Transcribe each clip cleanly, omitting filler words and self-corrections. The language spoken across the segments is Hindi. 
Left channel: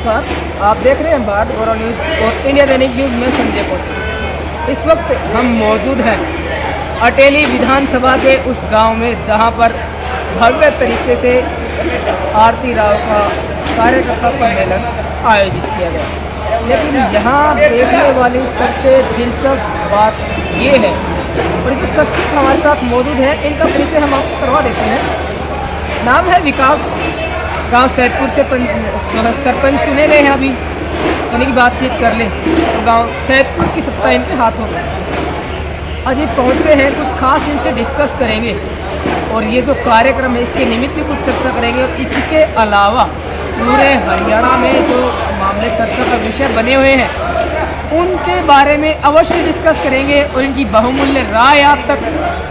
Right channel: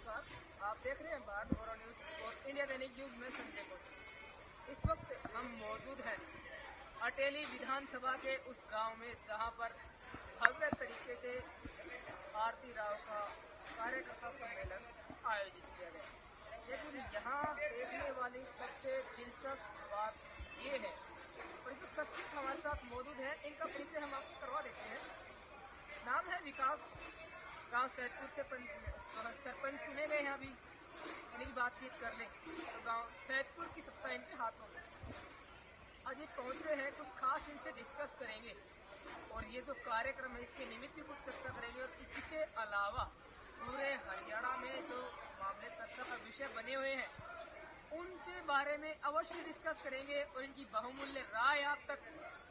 नमस्कार। आप देख रहे हैं भारत गौरव न्यूज़ और इंडिया दैनिक न्यूज़ में संजय कौशिक। इस वक्त हम मौजूद हैं अटेली विधानसभा के उस गांव में जहां पर भव्य तरीके से आरती राव का कार्यकर्ता सम्मेलन आयोजित किया गया। लेकिन यहां देखने वाली सबसे दिलचस्प बात ये है, और जो शख्सियत हमारे साथ मौजूद है इनका परिचय हम आपको करवा देते हैं। नाम है विकास, गांव सैदपुर से जो है सरपंच चुने गए हैं अभी, यानी कि बातचीत कर लें तो गांव सैदपुर की सत्ता इनके हाथों में। अजी पहुंचे हैं, कुछ खास इनसे डिस्कस करेंगे और ये जो कार्यक्रम है इसके निमित्त भी कुछ चर्चा करेंगे। और इसके अलावा पूरे हरियाणा में जो मामले चर्चा का विषय बने हुए हैं उनके बारे में अवश्य डिस्कस करेंगे और इनकी बहुमूल्य राय आप तक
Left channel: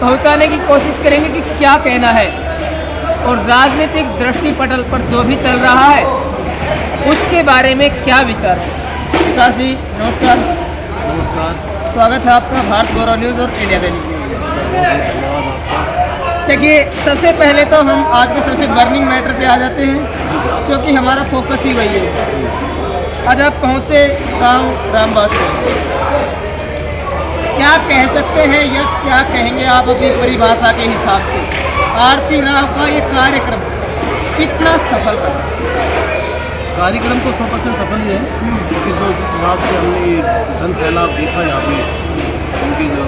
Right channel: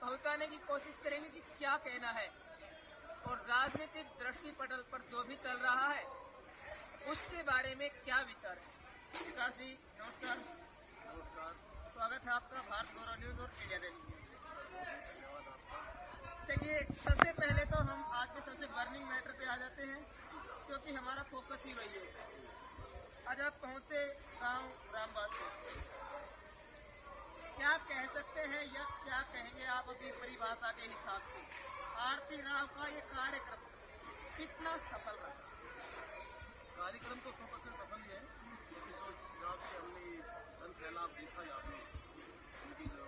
पहुँचाने की कोशिश करेंगे कि क्या कहना है और राजनीतिक दृष्टिपटल पर जो भी चल रहा है उसके बारे में क्या विचार है। विकास जी नमस्कार। नमस्कार, स्वागत है आपका भारत गौरव न्यूज़ और इंडिया दैनिक न्यूज़। देखिए, सबसे पहले तो हम आज के सबसे बर्निंग मैटर पे आ जाते हैं क्योंकि हमारा फोकस ही वही है। आज आप पहुँचे गाँव रामबास में, क्या कह सकते हैं या क्या कहेंगे आप अपनी परिभाषा के हिसाब से आरती राव का ये कार्यक्रम कितना सफल रहा? कार्यक्रम तो 100% सफल ही है, क्योंकि जो जिस हिसाब से हमने ये जन सैलाब देखा यहाँ पे, उनके जो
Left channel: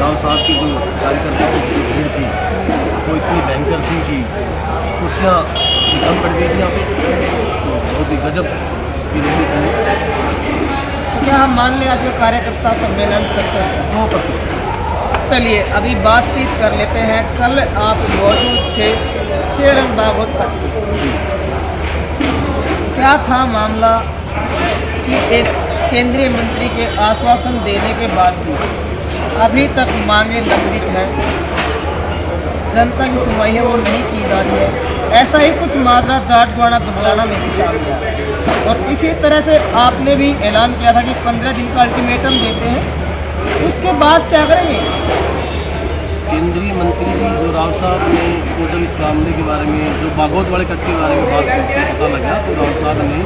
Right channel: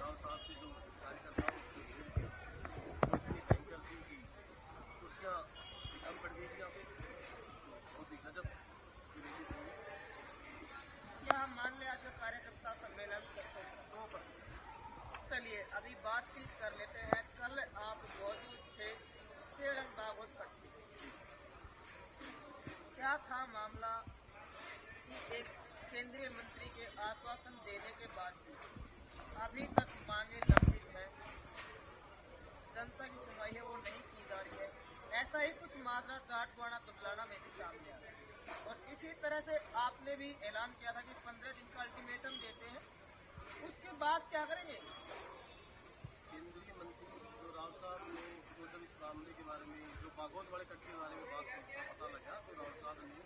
राव साहब की जो कार्यकर्ताओं की जो भीड़ थी वो इतनी भयंकर थी कि कुर्सियाँ कम पड़ गई थी यहाँ पे, तो बहुत ही गजब की रही थी। क्या हम मान लें आज जो कार्यकर्ता सम्मेलन सक्सेस है? 100%। चलिए अभी बातचीत कर लेते हैं। कल आप मौजूद थे सेरंग बागोत का, क्या था मामला कि एक केंद्रीय मंत्री के आश्वासन देने के बाद भी अभी तक मांगे लंबित हैं, जनता की सुनवाई है वो नहीं की जा रही है। ऐसा ही कुछ माजरा जाटगुआना दुबलाना में भी सामने आया और इसी तरह से आपने भी ऐलान किया था कि 15 दिन का अल्टीमेटम देते हैं, उसके बाद क्या करेंगे? केंद्रीय मंत्री जी जो राव साहब ने वो जब इस मामले के बारे में, जो बागोत वाले कट के बारे में बात करके पता लगा, तो राव साहब ने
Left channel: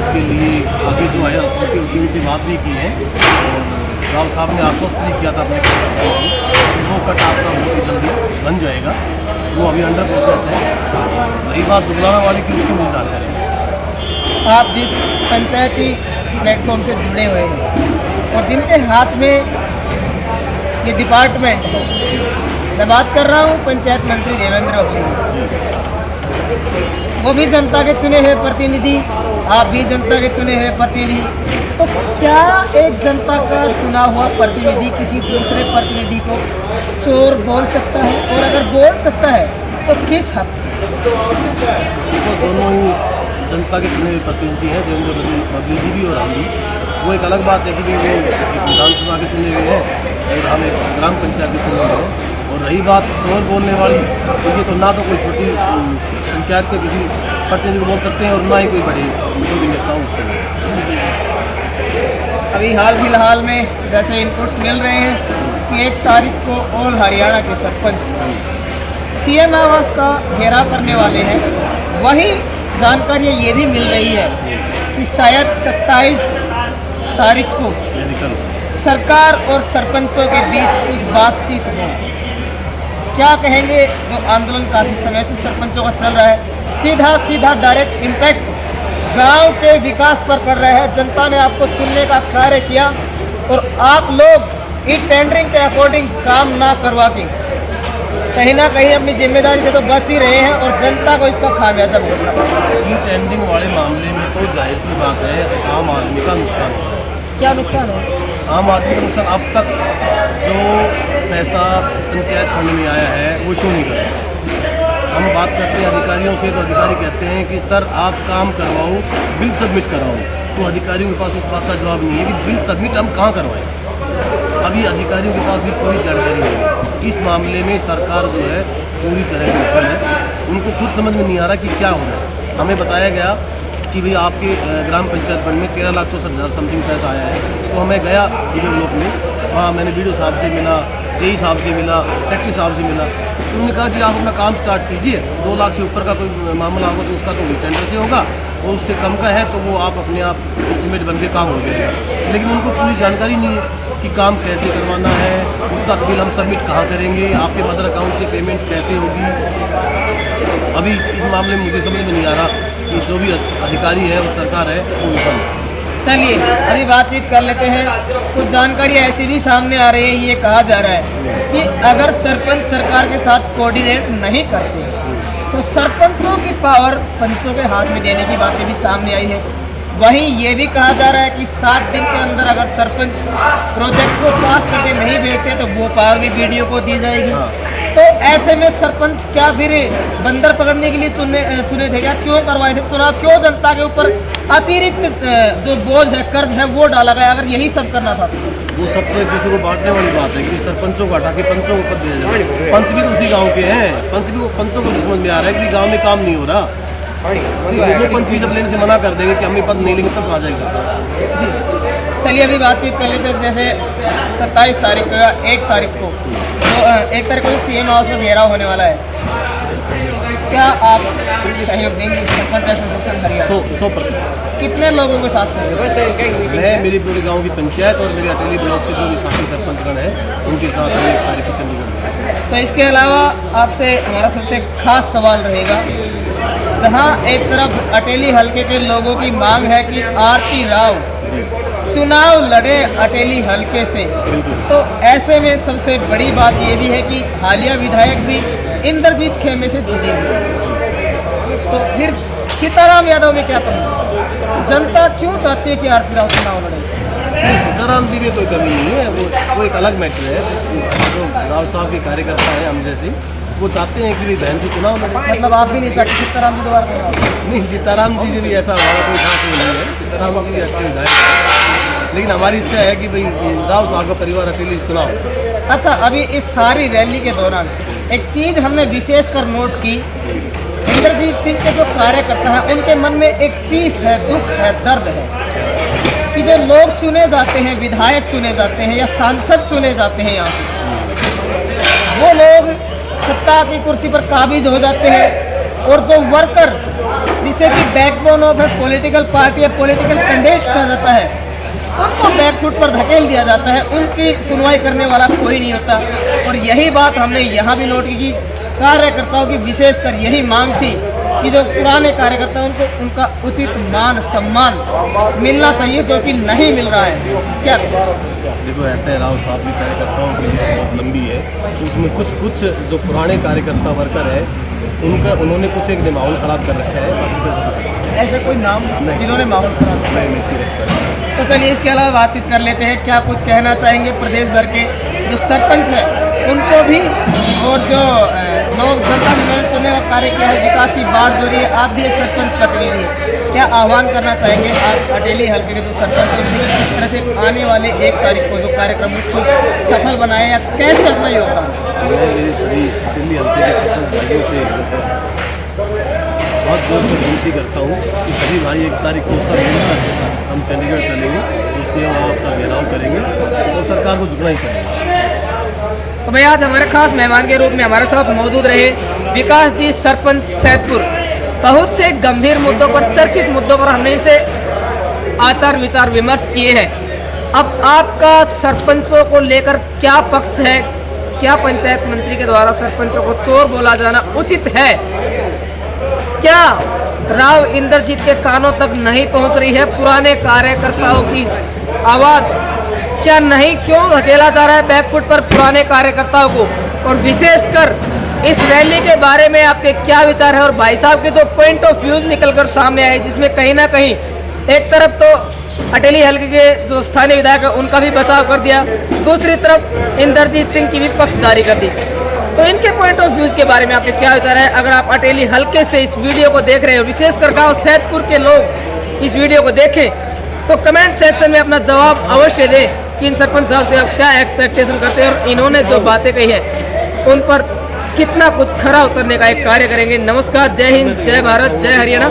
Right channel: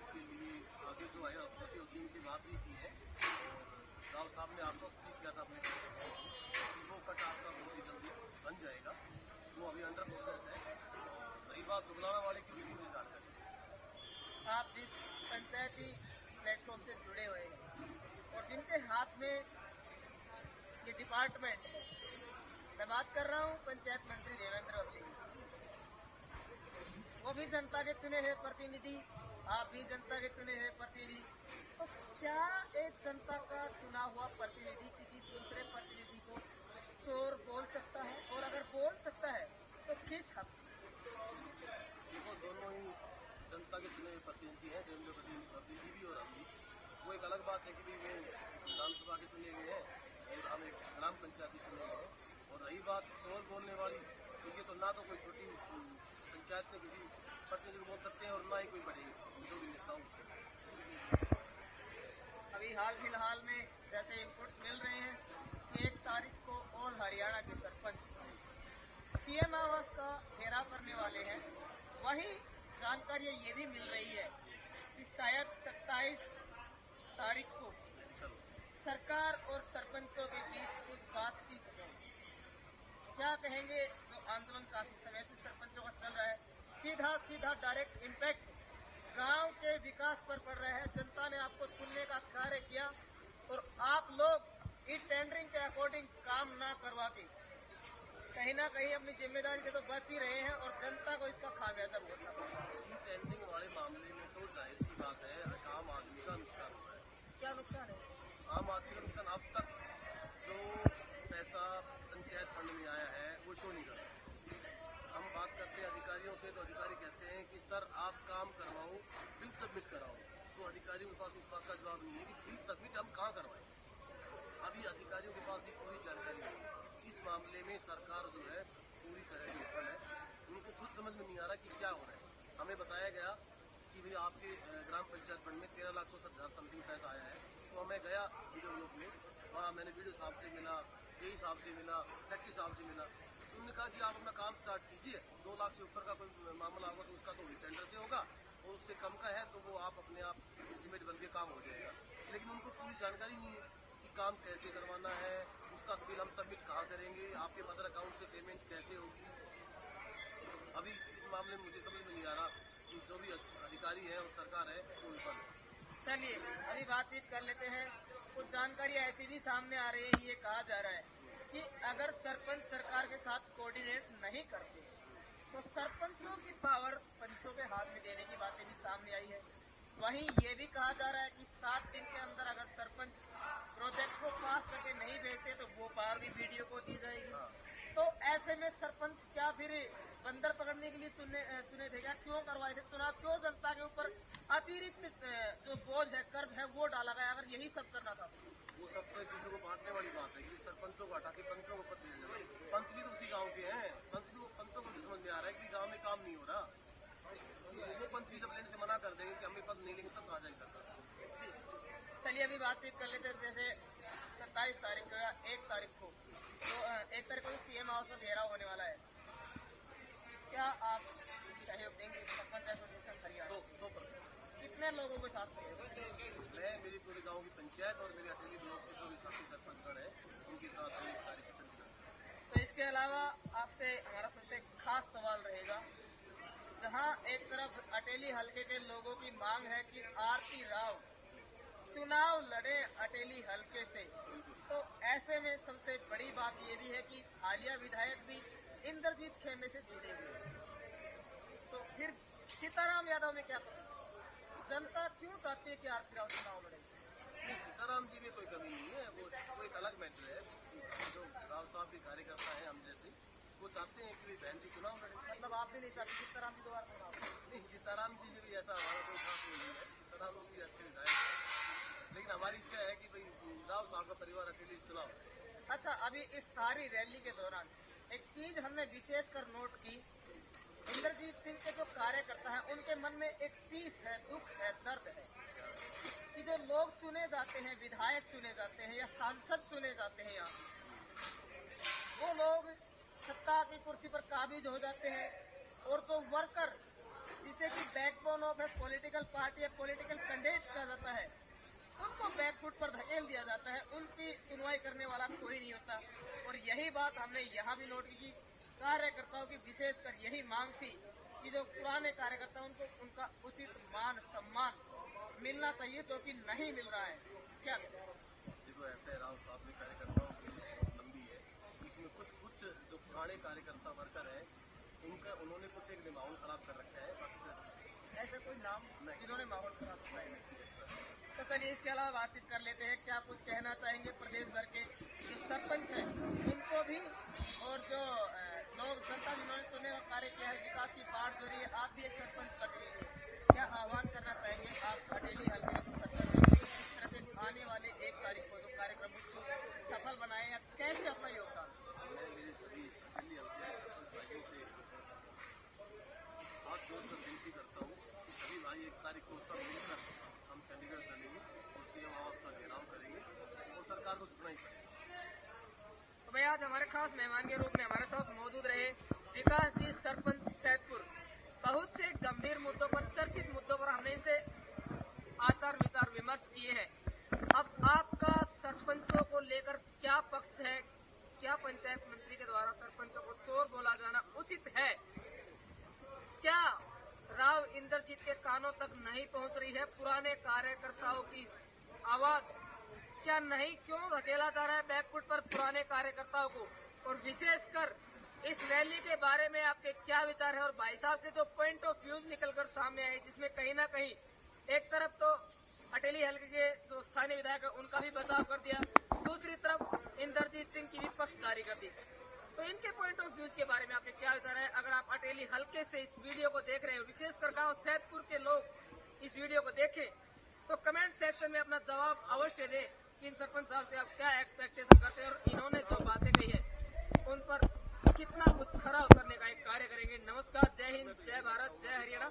उसके लिए आगे जो है अथॉरिटी होती है उनसे बात भी की है और राव साहब ने आश्वस्त भी किया था अपने वो कट आपका बहुत ही जल्दी बन जाएगा, वो अभी अंडर प्रोसेस है। वही बात दुबलाना वाले की उसकी मुझे जानकारी है। आप जिस पंचायती प्लेटफॉर्म से जुड़े हुए हैं और जिनके हाथ में ये डिपार्टमेंट है, मैं बात कर रहा हूँ पंचायत मंत्री देवेंद्र अवली, वो भी जनता के चुने हुए प्रतिनिधि, आप भी जनता के चुने हुए प्रतिनिधि, तो क्या एक जनता का चुना हुआ प्रतिनिधि किसी दूसरे प्रतिनिधि को चोर बोल सकता है? और अगर बोल सकता है तो किस हद से? तो दोनों ही जनता के चुने हुए प्रतिनिधि हैं, देवेंद्र अवली जी भी और हम भी। वो एक अलग बात है कि वो एक विधानसभा के चुने हुए हैं और हम एक ग्राम पंचायत के चुने हुए हैं। और रही बात चोर बोलने वाली, तो ये तो ना तो कोई छोटी पंचायत के किसी प्रतिनिधि को बोल सकते हैं और ना ही कोई बड़ी जो भी नेता हो उसको। अभी हाल फिलहाल में जैसे इनपुट्स मिल रहे हैं कि 1 तारीख को ऑल हरियाणा के सरपंच सीएम आवास का घेराव करने वाले हैं। वही जानकारी ये भी मिल रही है कि शायद 27 तारीख को सरकार और सरपंचों के बीच कुछ बातचीत हो। क्या कहेंगे? जो आंदोलन काफ़ी समय से सरपंचों का चल रहा है, सीधा सीधा डायरेक्ट इम्पैक्ट गांव के विकास पर पड़ रहा है। जनता ने आपको चुनने का कार्य किया और आप लोग इस टेंडरिंग के अकॉर्डिंग काम ना करवा के कहीं ना कहीं अपनी जिम्मेदारी से तो बच ही रहे हैं और जनता को इसका खामियाजा भुगतना पड़ा। ई टेंडरिंग वाले मामले में तो जाहिर सी बात है आम आदमी का नुकसान है। क्या नुकसान है? आम आदमी का नुकसान, अब तक जो पैसा पंचायत फंड में आया है वो शो नहीं कर रहा। हम बात करते हैं अधिकारियों से तो अधिकारी कहते हैं कि सर आप काम करवाओ, बिल सबमिट कराओ, तो अधिकारियों के पास इस बात का जवाब नहीं है कि बिल सबमिट हम कहाँ करवाएं। अभी अधिकारियों के पास भी पूरी जानकारी नहीं है। इस मामले में सरकार जो है पूरी तरह से विफल है, उनको खुद समझ में नहीं आ रहा कि क्या हो रहा है। हमें बताया गया कि भाई आपके ग्राम पंचायत फंड में 13,64,000 समथिंग पैसा आया है, तो मैं गया वीडियो ब्लॉक में, वहाँ मैंने वीडियो साहब से मिला जेई साहब से मिला, सेक्रेटरी साहब से मिला, तो उन्होंने कहा जी आप अपना काम स्टार्ट कीजिए, 2 लाख से ऊपर का कोई मामला होगा तो उसका तो टेंडर से होगा, और उससे कम का है तो वो आप अपने आप एस्टिमेट बन के काम हो जाएगा। लेकिन उनको पूरी जानकारी नहीं है कि काम कैसे करवाना है, उसका बिल हम सबमिट कहाँ करेंगे, आपके मदर अकाउंट से पेमेंट कैसे होगी। अभी इस मामले में मुझे समझ में नहीं आ रहा कि जो भी अधिकारी है और सरकार है वो विफल है। चलिए अभी बातचीत कर लेते हैं। कुछ जानकारी ऐसी भी सामने आ रही है, ये कहा जा रहा है कि अगर सरपंच सरकार के साथ कोऑर्डिनेट नहीं करते तो सरपंचों की पावर पंचों के हाथ में देने की बातें भी सामने आई है। वहीं ये भी कहा जा रहा है कि 7 दिन के अंदर अगर सरपंच प्रोजेक्ट को पास करके नहीं भेजते तो वो पावर भी बीडीओ को दी जाएगी। तो ऐसे में सरपंच क्या फिर बंदर पकड़ने के लिए चुने थे क्या? क्यों करवाए थे चुनाव? क्यों जनता के ऊपर अतिरिक्त जो बोझ है, कर्ज है, वो डाला गया? अगर यही सब करना था वो सब तो एक दूसरे को बांटने वाली बात है कि सरपंचों को हटा के पंचों को पद दिया जाए। पंच भी तो उसी गांव के हैं, पंचों को समझ में आ रहा है कि गांव में काम नहीं हो रहा, वो पंच भी जब लेने से मना कर देंगे कि हम पद नहीं लेंगे तब आ जाएगा सरपंच। चलिए अभी बातचीत कर लेते हैं। जैसे 27 तारीख को या 1 तारीख को सीएम हाउस में घेराव होने वाला है, क्या आप सहयोग देंगे सरपंच एसोसिएशन हरियाणा? 100%। कितने लोगों के साथ सहयोग? मैं मेरी पूरे गांव की पंचायत और मेरे अटेली ब्लॉक से जो भी साथी सरपंचगण है उनके साथ 1 तारीख को चंडीगढ़। तो इसके अलावा आपसे हमारा सबसे खास सवाल रहेगा, जहां एक तरफ अटेली हलके के लोगों की मांग है कि आरती राव चुनाव लड़े अटेली हलके से, तो ऐसे में सबसे बड़ी बात ये भी है कि हालिया विधायक भी इंद्रजीत खेमे से जुड़े हुए, तो फिर सीताराम यादव में क्या कमी? जनता क्यों चाहती है कि आरती राव चुनाव लड़े? सीताराम जी में कोई कमी नहीं है, वो एक अलग मैटर है। जो राव साहब के कार्यकर्ता हैं हम जैसे, वो चाहते हैं कि बहन जी चुनाव लड़े। मतलब आप भी नहीं चाहते सीताराम जी दोबारा चुनाव? नहीं, सीताराम जी से भी ऐसा हमारा कोई खास नहीं है। सीताराम जी भी अच्छे विधायक हैं, लेकिन हमारी इच्छा है कि भाई राव साहब का परिवार अकेले चुनाव। अच्छा, अभी इस सारी रैली के दौरान एक चीज़ हमने विशेष कर नोट की, इंद्रजीत सिंह के जो कार्यकर्ता हैं उनके मन में एक टीस है, दुख है, दर्द है कि जो लोग चुने जाते हैं, विधायक चुने जाते हैं या सांसद चुने जाते हैं, यहाँ वो लोग सत्ता की कुर्सी पर काबिज हो जाते हैं और जो वर्कर जिसे कि बैकबोन ऑफ है पॉलिटिकल पार्टी या पॉलिटिकल कैंडिडेट कहा जाता है, उनको बैकफुट पर धकेल दिया जाता है, उनकी सुनवाई करने वाला कोई नहीं होता। और यही बात हमने यहाँ भी नोट की कि कार्यकर्ताओं की विशेषकर यही मांग थी कि जो पुराने कार्यकर्ता उनको उनका उचित मान सम्मान मिलना चाहिए, जो कि नहीं मिल रहा है। क्या देखो, ऐसे राव साहब की कार्यकर्ताओं की लिस्ट बहुत लंबी है, उसमें कुछ जो पुराने कार्यकर्ता वर्कर है उन्होंने कुछ एक माहौल ख़राब कर रखा है, बाकी ऐसे कोई नाम जिन्होंने माहौल खराब किया? नहीं। तो चलिए इसके अलावा बातचीत कर लेते हैं। क्या कुछ कहना चाहेंगे प्रदेश भर के जो सरपंच हैं उनको भी, और जो लोग जनता ने चुने का कार्य किया है, विकास की बात जो रही है, आप भी एक सरपंच प्रतिनिधि हैं, क्या आह्वान करना चाहेंगे आप अटेली हल्के के जो सरपंच हैं, किस तरह से आने वाले 1 तारीख को जो कार्यक्रम उसको सफल बनाए या कैसे अपना योगदान? मैं मेरे सभी अटेली हल्के के सरपंच भाइयों से बहुत जोर से विनती करता हूँ कि सभी भाई 1 तारीख को सब मिलकर हम चंडीगढ़ चलेंगे और सीएम आवास का घेराव करेंगे और सरकार को झुकना ही पड़ेगा। तो भैया आज हमारे खास मेहमान के रूप में हमारे साथ मौजूद रहे विकास जी, सरपंच सैदपुर। बहुत से गंभीर मुद्दों पर, चर्चित मुद्दों पर हमने इनसे आचार विचार विमर्श किए हैं। अब आपका सरपंचों को लेकर क्या पक्ष है? क्या पंचायत मंत्री के द्वारा सरपंचों को चोर बोला जाना उचित है? क्या राव इंद्रजीत के कानों तक नहीं पहुंच रही है पुराने कार्यकर्ताओं की आवाज़? क्या नहीं, क्यों धकेला जा रहा है बैकफुट पर पुराने कार्यकर्ताओं को? और विशेषकर इस रैली के बारे में आपके क्या विचार है? और भाई साहब के जो पॉइंट ऑफ व्यूज निकलकर सामने आए, जिसमें कहीं ना कहीं एक तरफ तो अटेली हल्के के जो स्थानीय विधायक है उनका भी बचाव कर दिया, दूसरी तरफ इंद्रजीत सिंह की भी पक्षधारी कर दी। तो इनके पॉइंट ऑफ व्यूज के बारे में आपके क्या विचार है? अगर आप अटेली हल्के से इस वीडियो को देख रहे हो, विशेषकर गाँव सैदपुर के लोग इस वीडियो को देखें, तो कमेंट सेक्शन में अपना जवाब अवश्य दें कि इन सरपंच साहब से आप क्या एक्सपेक्टेशन करते हैं और इन्होंने जो बातें कही है उन पर कितना कुछ खरा उतरने का एक कार्य करेंगे। नमस्कार, जय हिंद, जय भारत, जय हरियाणा।